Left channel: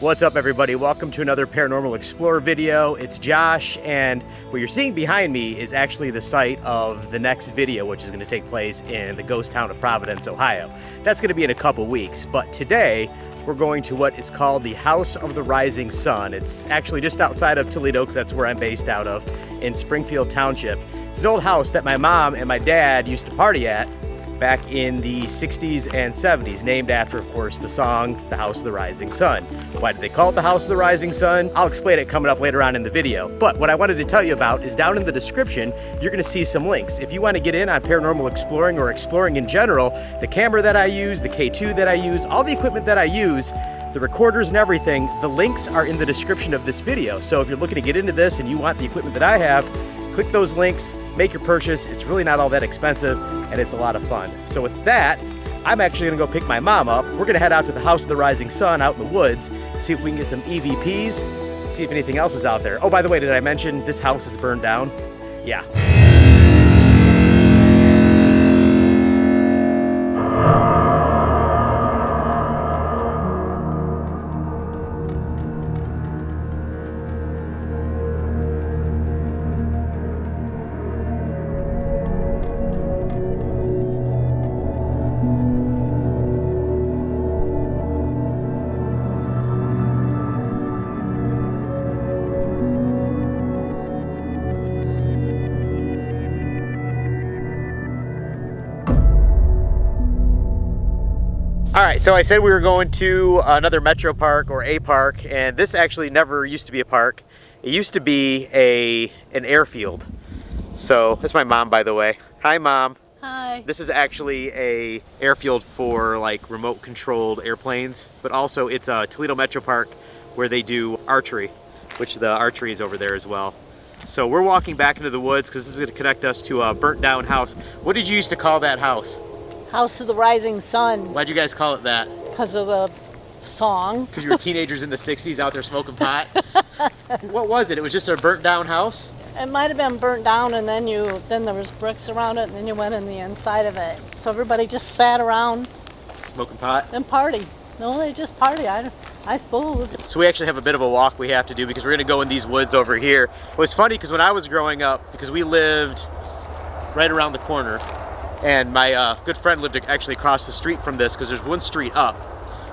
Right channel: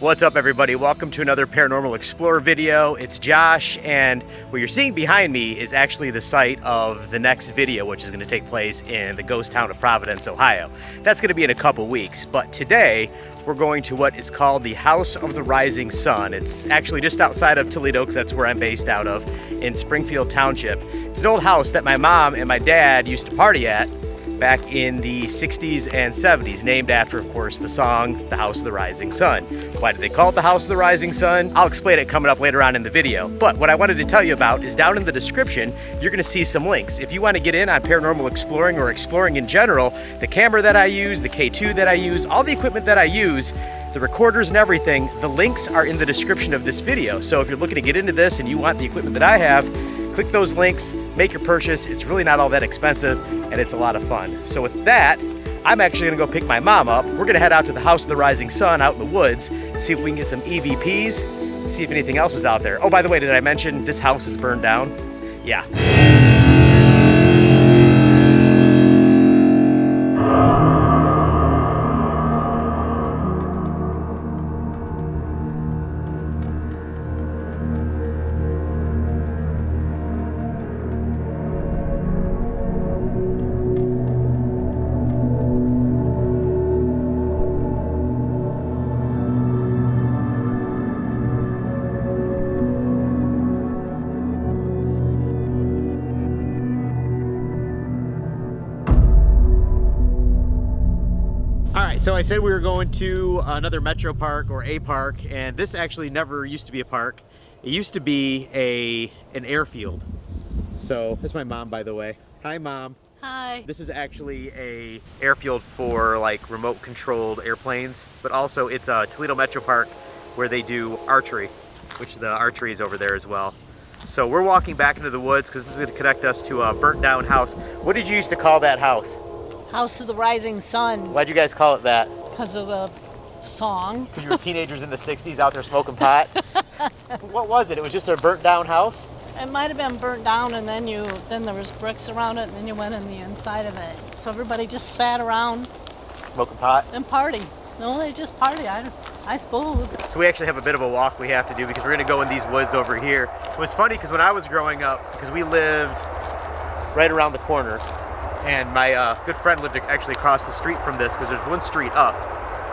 What's up, everybody? Welcome to another Paranormal Explorer video. It's Josh, and what you're seeing behind me is actually the site of the next video, which is going to take place in the ghost town of Providence, Ohio. That's going to be in a couple weeks, but today we're going to what is called the House of the Rising Sun. It's actually just outside of Toledo, because that's where I'm based out of, in Springfield Township. It's an old house that my mom and my dad used to party at back in the 60s and 70s, named after, of course, the song, The House of the Rising Sun. Why did they call it The House of the Rising Sun? I'll explain it coming up later on in the video. But what I wanted to tell you about is down in the description, you're gonna see some links. If you wanna get in on paranormal exploring or exploring in general, the camera that I use, the K2 that I use, all the equipment that I use, the recorders and everything, the links are in the description of this video. So if you're looking to get into this and you want the equipment that I have, click those links, make your purchase. It's really not all that expensive, and it's a lot of fun. So with that, I'm actually gonna go pick my mom up. We're gonna head out to the House of the Rising Sun out in the woods, see if we can get some EVPs, see if anything else is out there. Oh, by the way, did I mention this house is burned down? Yeah. All right, so I said we were going to another metro park or a park, and this actually never used to be a park. It used to be an airfield. So that's my mom, by the way. Hi, Mom. Hi. This is actually a airfield for like remote controlled airplanes, but also it's a Toledo Metro Park where they do archery, which the archery is over there as well. So we're walking back into the woods because this is going to connect us to a burnt down house. What did you used to call that house? House of the Rising Sun. Why'd you guys call it that? Because of a song. Because you were teenagers in the 60s out there smoking pot? What was it? It was just a burnt down house? It might have been burnt down, and then there was bricks around it, and then you went in the inside of it. So everybody just sat around Smoking pot? and party. No, they just party, I suppose. So we actually have a bit of a walk we have to do because we're going to go in these woods over here. It was funny because when I was growing up, because we lived right around the corner, and my good friend lived actually across the street from this, because there's one street up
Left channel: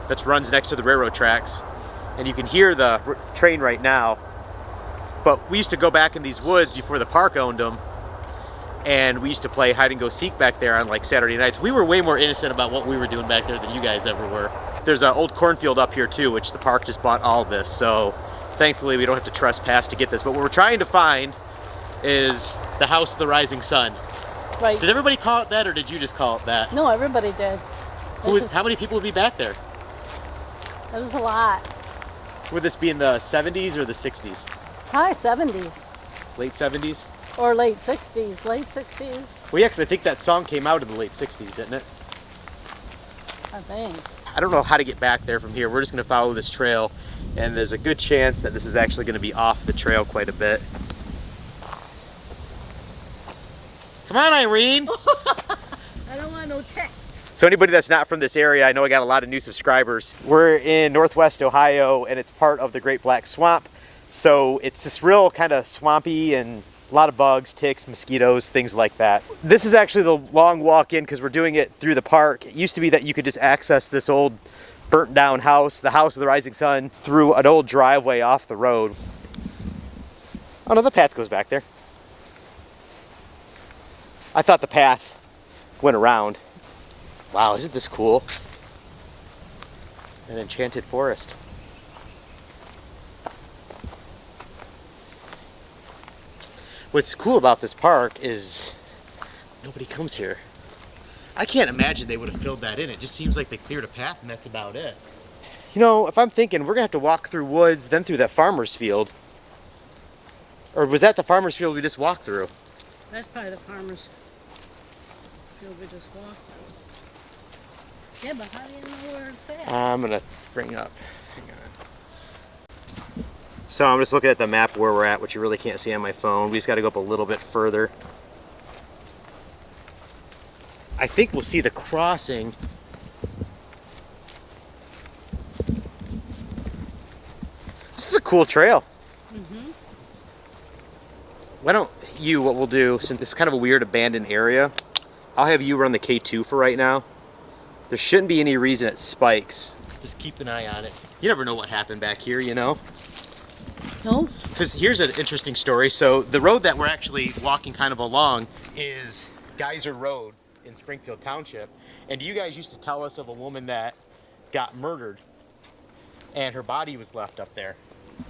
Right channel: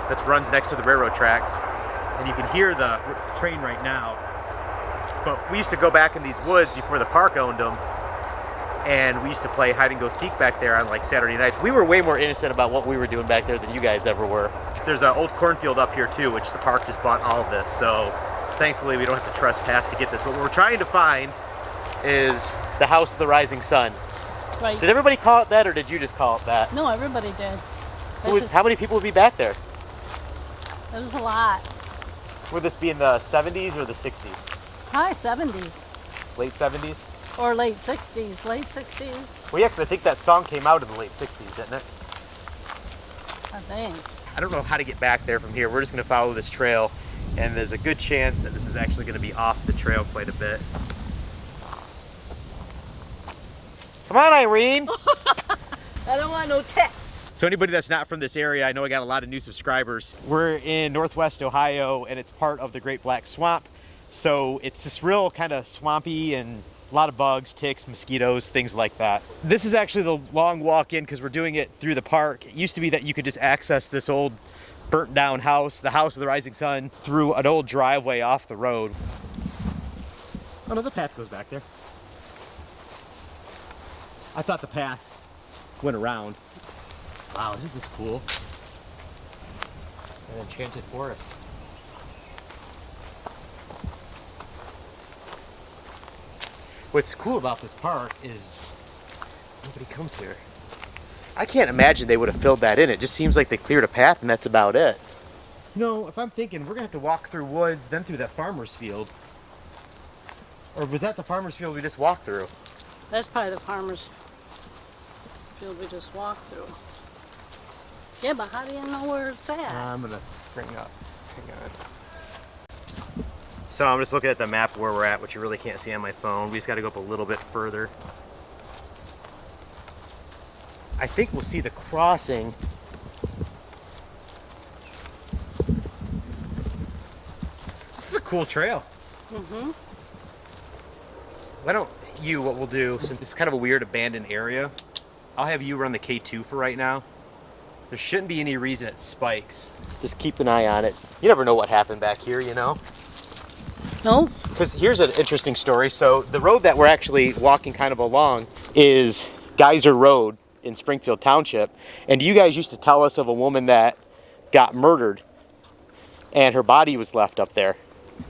that runs next to the railroad tracks, and you can hear the train right now. But we used to go back in these woods before the park owned them, and we used to play hide and go seek back there on like Saturday nights. We were way more innocent about what we were doing back there than you guys ever were. There's an old cornfield up here too, which the park just bought all of this, so thankfully we don't have to trespass to get this. But what we're trying to find is the House of the Rising Sun. Right. Did everybody call it that, or did you just call it that? No, everybody did. How many people would be back there? It was a lot. Would this be in the 70s or the 60s? High 70s. Late 70s? Or late 60s. Late 60s, Well, yeah, because I think that song came out in the late 60s, didn't it? I think. I don't know how to get back there from here. We're just going to follow this trail, and there's a good chance that this is actually going to be off the trail quite a bit. Come on, Irene! I don't want no text. So anybody that's not from this area, I know I got a lot of new subscribers. We're in Northwest Ohio, and it's part of the Great Black Swamp. So it's this real kind of swampy and a lot of bugs, ticks, mosquitoes, things like that. This is actually the long walk in because we're doing it through the park. It used to be that you could just access this old burnt down house, the House of the Rising Sun, through an old driveway off the road. Oh no, the path goes back there. I thought the path went around. Wow, isn't this cool? An enchanted forest. What's cool about this park is nobody comes here. I can't imagine they would have filled that in. It just seems like they cleared a path and that's about it. You know, if I'm thinking we're gonna have to walk through woods, then through that farmer's field. Or was that the farmer's field we just walked through? That's probably the farmer's field we just walked through. Yeah, but how do you know where it's at? I'm gonna bring up, hang on. So I'm just looking at the map where we're at, which you really can't see on my phone. We just gotta go up a little bit further. I think we'll see the crossing This is a cool trail. Mm-hmm. Why don't you, what we'll do, since it's kind of a weird abandoned area, I'll have you run the K2 for right now. There shouldn't be any reason it spikes. Just keep an eye on it. You never know what happened back here, you know? No? Because here's an interesting story. So the road that we're actually walking kind of along is Geyser Road in Springfield Township. And you guys used to tell us of a woman that got murdered and her body was left up there.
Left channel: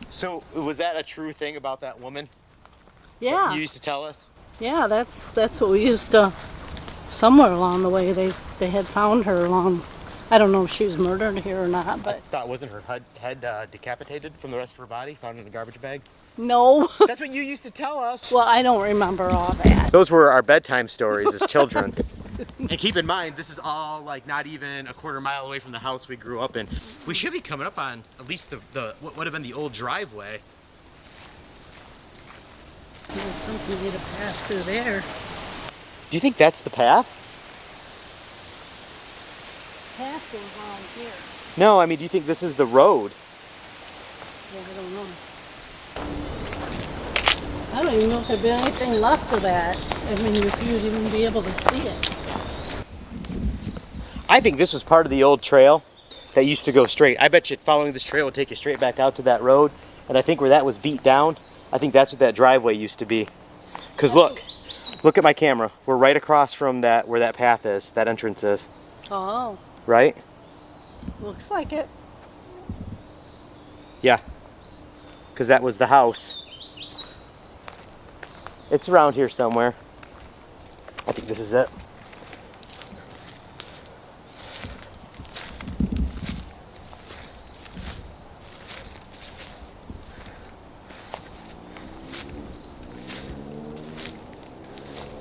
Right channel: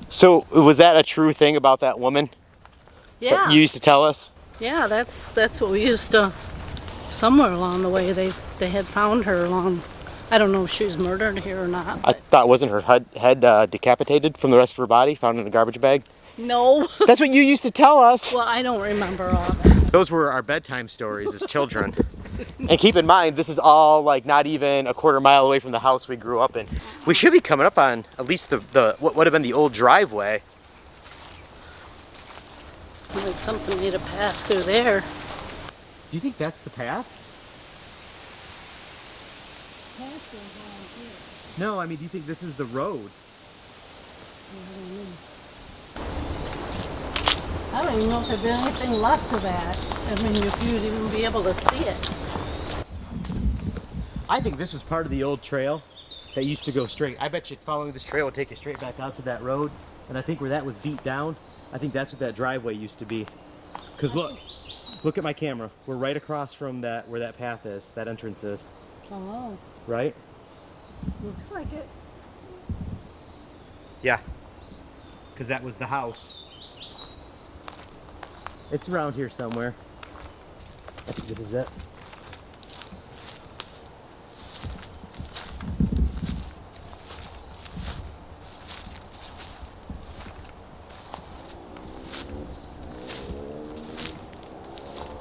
So was that a true thing about that woman? Yeah. You used to tell us? Yeah, that's what we used to, somewhere along the way they had found her along. I don't know if she was murdered here or not. I But thought, wasn't her head decapitated from the rest of her body, found in a garbage bag? no. That's what you used to tell us. Well, I don't remember all that. Those were our bedtime stories as children. And keep in mind, this is all like not even a quarter mile away from the house we grew up in. We should be coming up on at least the what would have been the old driveway. Like something need a path through there. Do you think that's the path? Path goes around here. No, I mean, do you think this is the road? I don't even know if there'd be anything left of that. I mean, if you'd even be able to see it. I think this was part of the old trail that used to go straight. I bet you following this trail would take you straight back out to that road. And I think where that was beat down, I think that's what that driveway used to be. Because look at my camera. We're right across from that, where that path is, that entrance is. Oh, Right? looks like it. Yeah. Because that was the house. It's around here somewhere. I think this is it.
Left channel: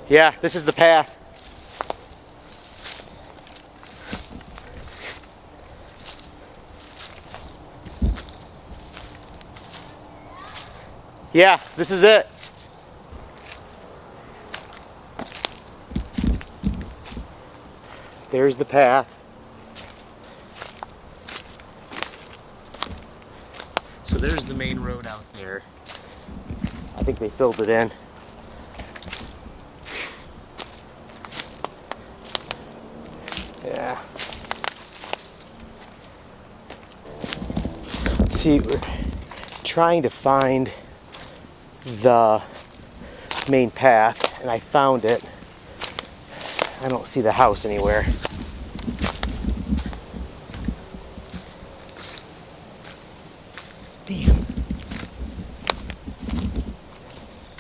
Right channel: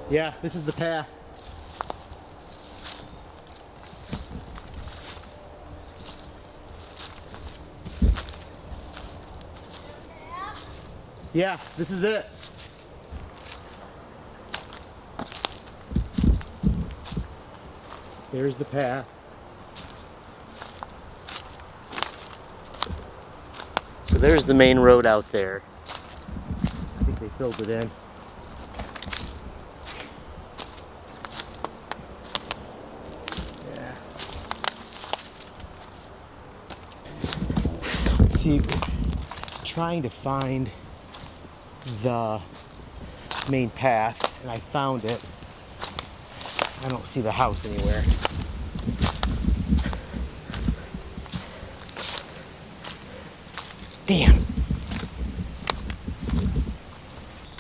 Yeah, this is the path. Yeah, this is it. There's the path. So there's the main road out there. I think they filled it in. Yeah. See, we're trying to find the main path, and I found it. I don't see the house anywhere. Damn.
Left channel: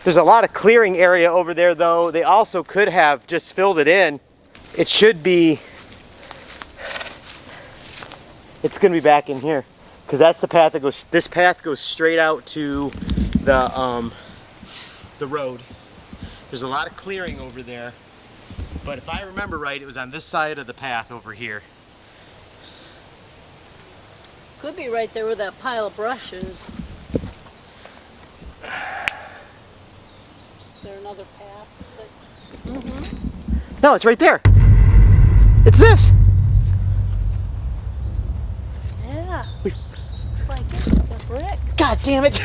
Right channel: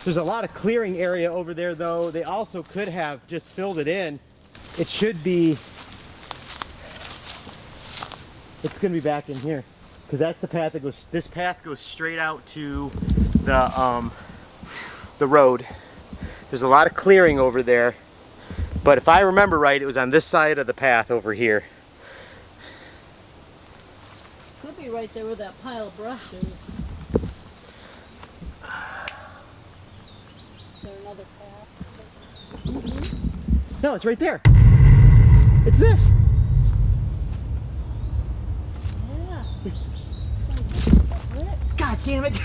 There's a lot of clearing area over there, though. They also could have just filled it in. It should be, it's gonna be back in here, because that's the path that goes, this path goes straight out to the road. There's a lot of clearing over there, but if I remember right, it was on this side of the path over here. Could be right there where that pile of brush is. Is there another path? No, it's right there. It's this. Yeah. It's like a brick. God damn it.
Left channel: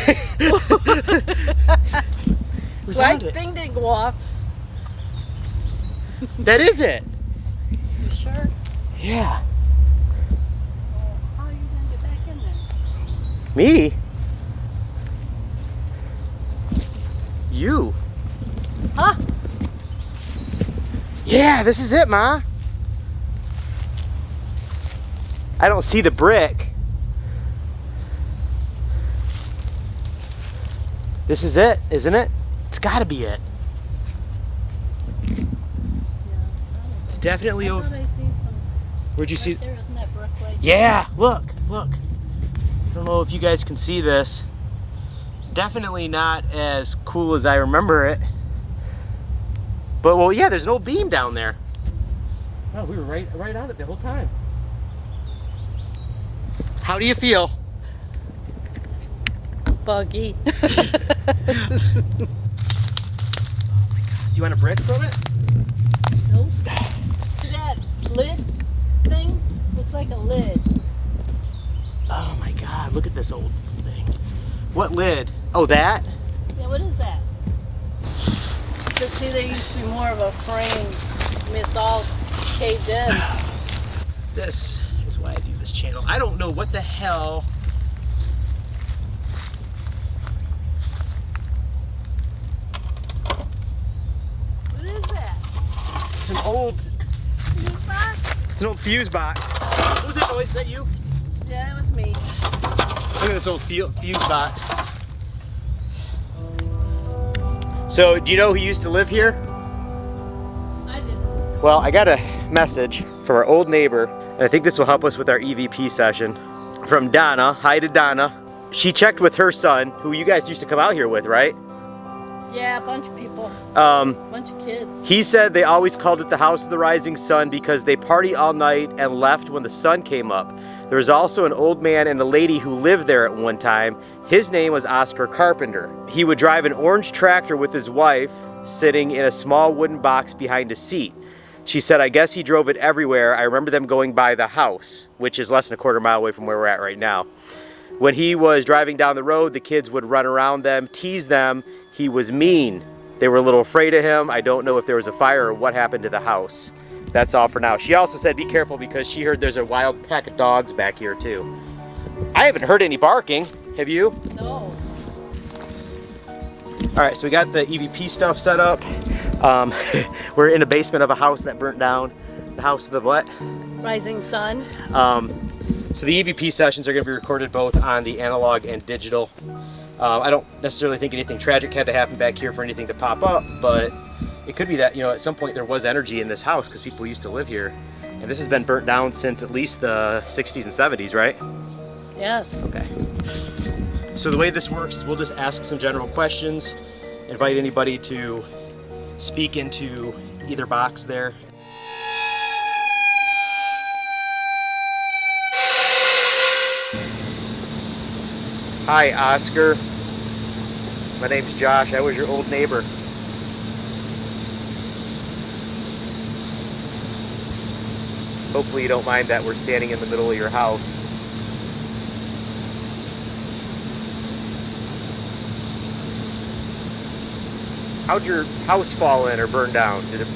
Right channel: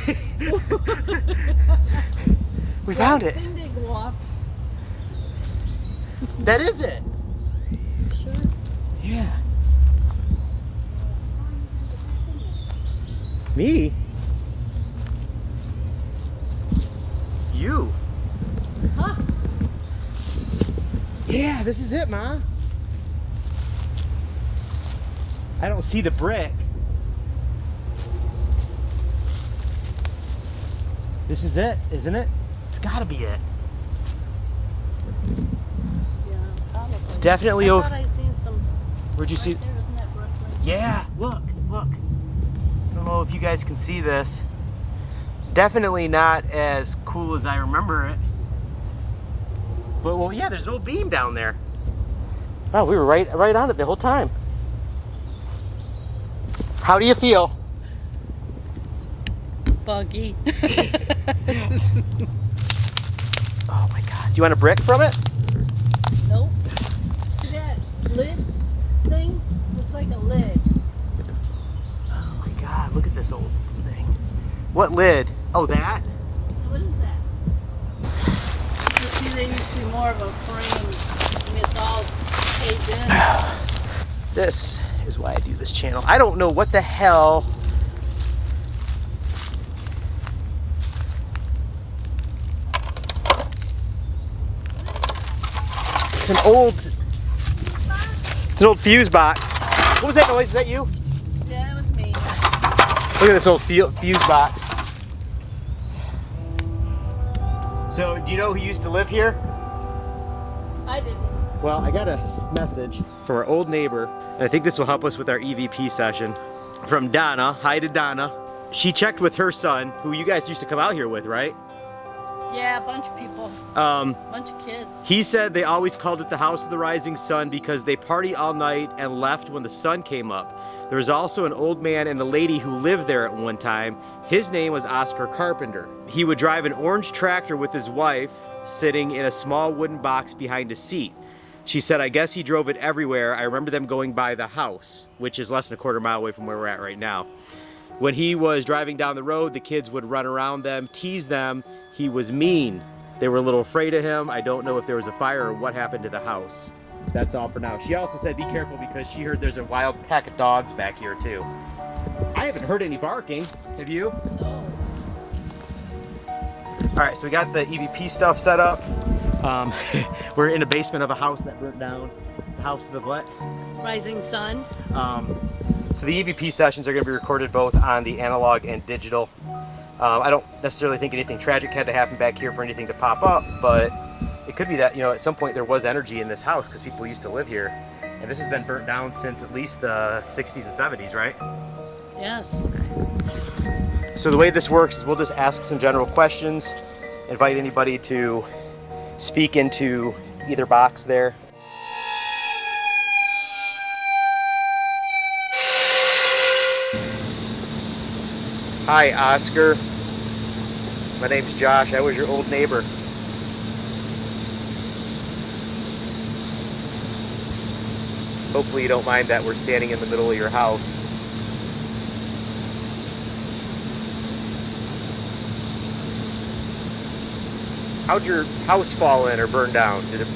We found it. Thing didn't go off. That is it. You sure? Yeah. How are you gonna get back in there? Me? You. Huh? Yeah, this is it, Ma. I don't see the brick. This is it, isn't it? It's gotta be it. It's definitely over. I seen some. Where'd you see? Right there, isn't that brick right there? Yeah, look. I don't know if you guys can see this. Definitely not as cool as I remember it. But, well, yeah, there's an old beam down there. Wow, we were right on it the whole time. How do you feel? Buggy. Oh my God. Do you want a brick from it? Nope. That lid thing looks like a lid. Oh my God, look at this old thing. What lid? Oh, that? Yeah, what is that? So see, there used to be more of a frame. I mean, it's all caved in. This is why I do this channel. I don't know what the hell. What is that? It's an old fuse box. What was that noise? Is that you? Yeah, it was me. Look at this old fuse box. So, do you know who used to live here? I didn't. Well, I got a message from our old neighbor, and I think this will help us with our EVP session, from Donna. Hi to Donna. She checked with her son, who you guys used to come out here with, right? Yeah, a bunch of people. Bunch of kids. He said they always called it the House of the Rising Sun because they party all night and left when the sun came up. There was also an old man and a lady who lived there at one time. His name was Oscar Carpenter. He would drive an orange tractor with his wife, sitting in a small wooden box behind a seat. She said, I guess he drove it everywhere. I remember them going by the house, which is less than a quarter mile away from where we're at right now. When he was driving down the road, the kids would run around them, tease them. He was mean. They were a little afraid of him. I don't know if there was a fire or what happened to the house. That's all for now. She also said be careful because she heard there's a wild pack of dogs back here too. I haven't heard any barking. Have you? No. All right, so we got the EVP stuff set up. We're in the basement of a house that burnt down. The house of the what? Rising sun. So the EVP sessions are going to be recorded both on the analog and digital. I don't necessarily think anything tragic had to happen back here for anything to pop up, but it could be that, you know, at some point there was energy in this house because people used to live here. And this has been burnt down since at least the 60s and 70s, right? Yes. Okay. So the way this works is we'll just ask some general questions, invite anybody to speak into either box there. Hi, Oscar. My name's Josh. I was your old neighbor. Hopefully you don't mind that we're standing in the middle of your house. How'd your house fall in or burn down? Did it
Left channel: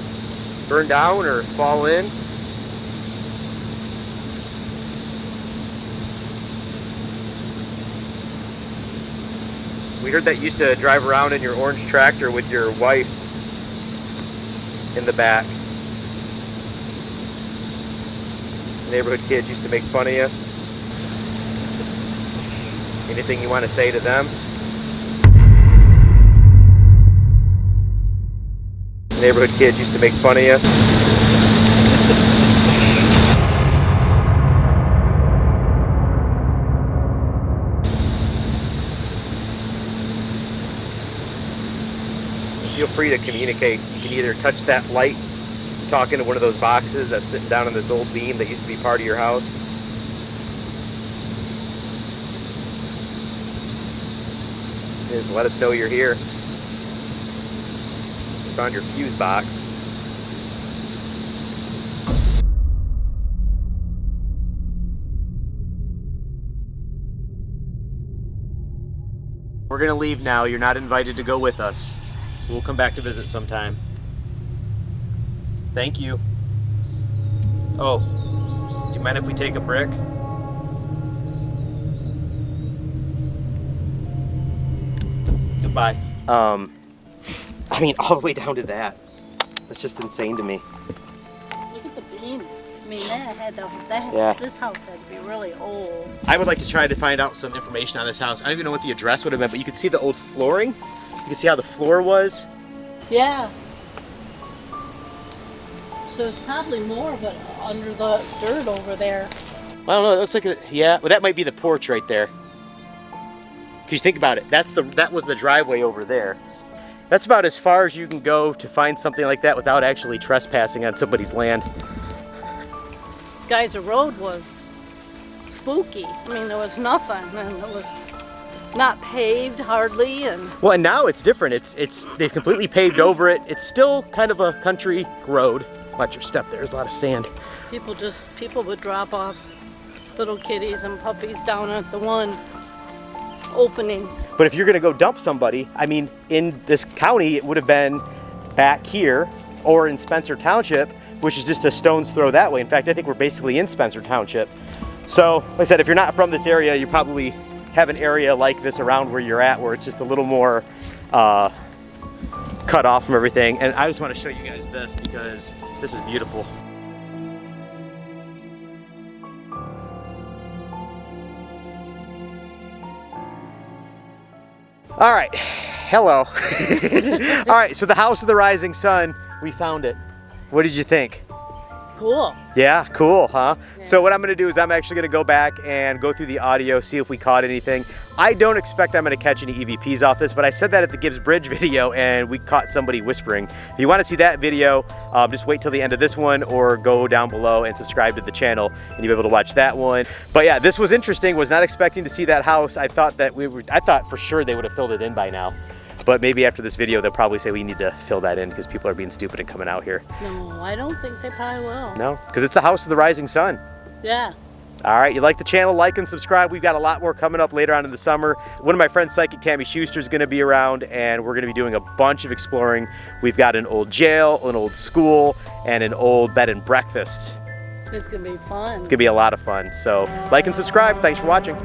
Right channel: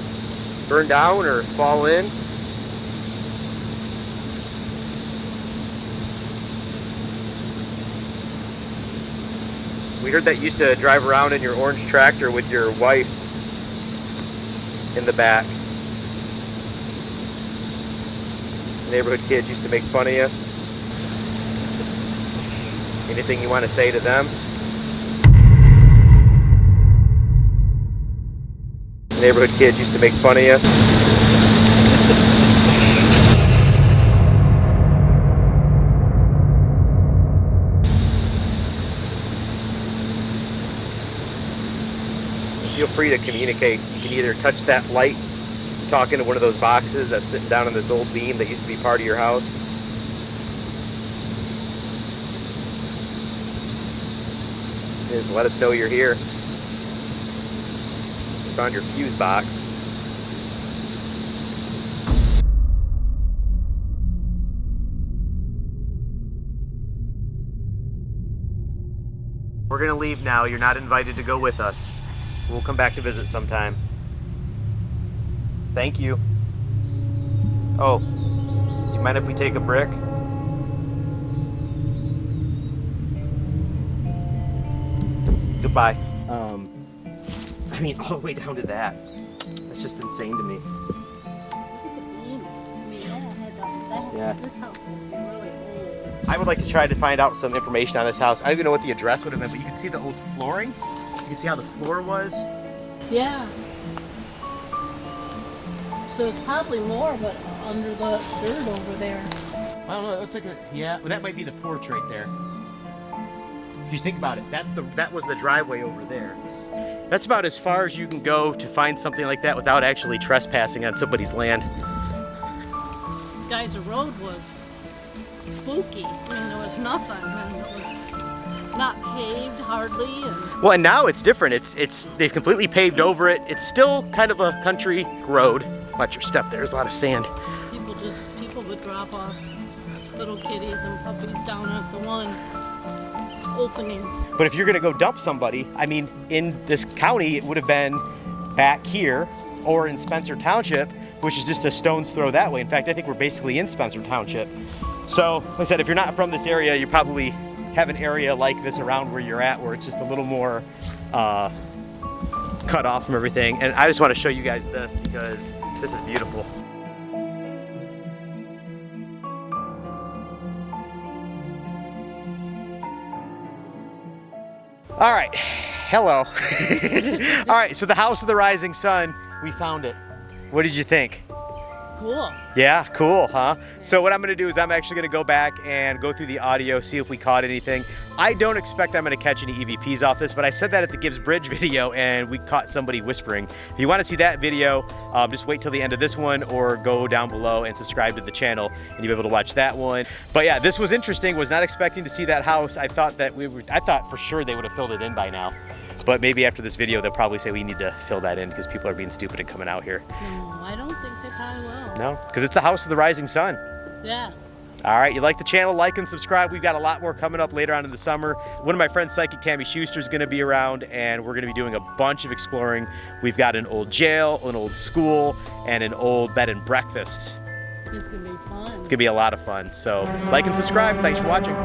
burn down or fall in? We heard that you used to drive around in your orange tractor with your wife in the back. Neighborhood kids used to make fun of you. Anything you want to say to them? Neighborhood kids used to make fun of you. Feel free to communicate. You can either touch that light, talk into one of those boxes that's sitting down on this old beam that used to be part of your house. Just let us know you're here. Found your fuse box. We're gonna leave now. You're not invited to go with us. We'll come back to visit sometime. Thank you. Oh, do you mind if we take a brick? Goodbye. I mean, all the way down to that. That's just insane to me. Look at the beam. I mean, this house had to be really old. I would like to try to find out some information on this house. I don't even know what the address would have been, but you could see the old flooring. You can see how the floor was. Yeah. So it's probably more of it under the dirt over there. I don't know. It looks like yeah. Well, that might be the porch right there. If you think about it, that was the driveway over there. That's about as far as you can go to find something like that without actually trespassing on somebody's land. Guys, the road was spooky. I mean, there was nothing, and it was not paved hardly, and well, and now it's different. They've completely paved over it. It's still kind of a country road. Watch your step. There's a lot of sand. people would drop off little kitties and puppies down at the one. opening. But if you're gonna go dump somebody, I mean, in this county, it would have been back here or in Spencer Township, which is just a stone's throw that way. In fact, I think we're basically in Spencer Township. So, like I said, if you're not from this area, you probably have an area like this around where you're at, where it's just a little more cut off from everything. And I just want to show you guys this because this is beautiful. All right, hello. All right, so the House of the Rising Sun, we found it. What did you think? Cool. Yeah, cool, huh? Yeah. So what I'm gonna do is I'm actually gonna go back and go through the audio, see if we caught anything. I don't expect I'm gonna catch any EVPs off this, but I said that at the Gibbs Bridge video and we caught somebody whispering. If you wanna see that video, just wait till the end of this one or go down below and subscribe to the channel and you'll be able to watch that one. But yeah, this was interesting. Was not expecting to see that house. I thought for sure they would have filled it in by now. But maybe after this video, they'll probably say we need to fill that in because people are being stupid and coming out here. No, I don't think they probably will. No, because it's the House of the Rising Sun. Yeah. All right, you like the channel, like and subscribe. We've got a lot more coming up later on in the summer. One of my friends, Psychic Tammy Schuster, is going to be around, and we're going to be doing a bunch of exploring. We've got an old jail, an old school, and an old bed and breakfast. It's going to be fun. It's going to be a lot of fun. So like and subscribe. Thanks for watching.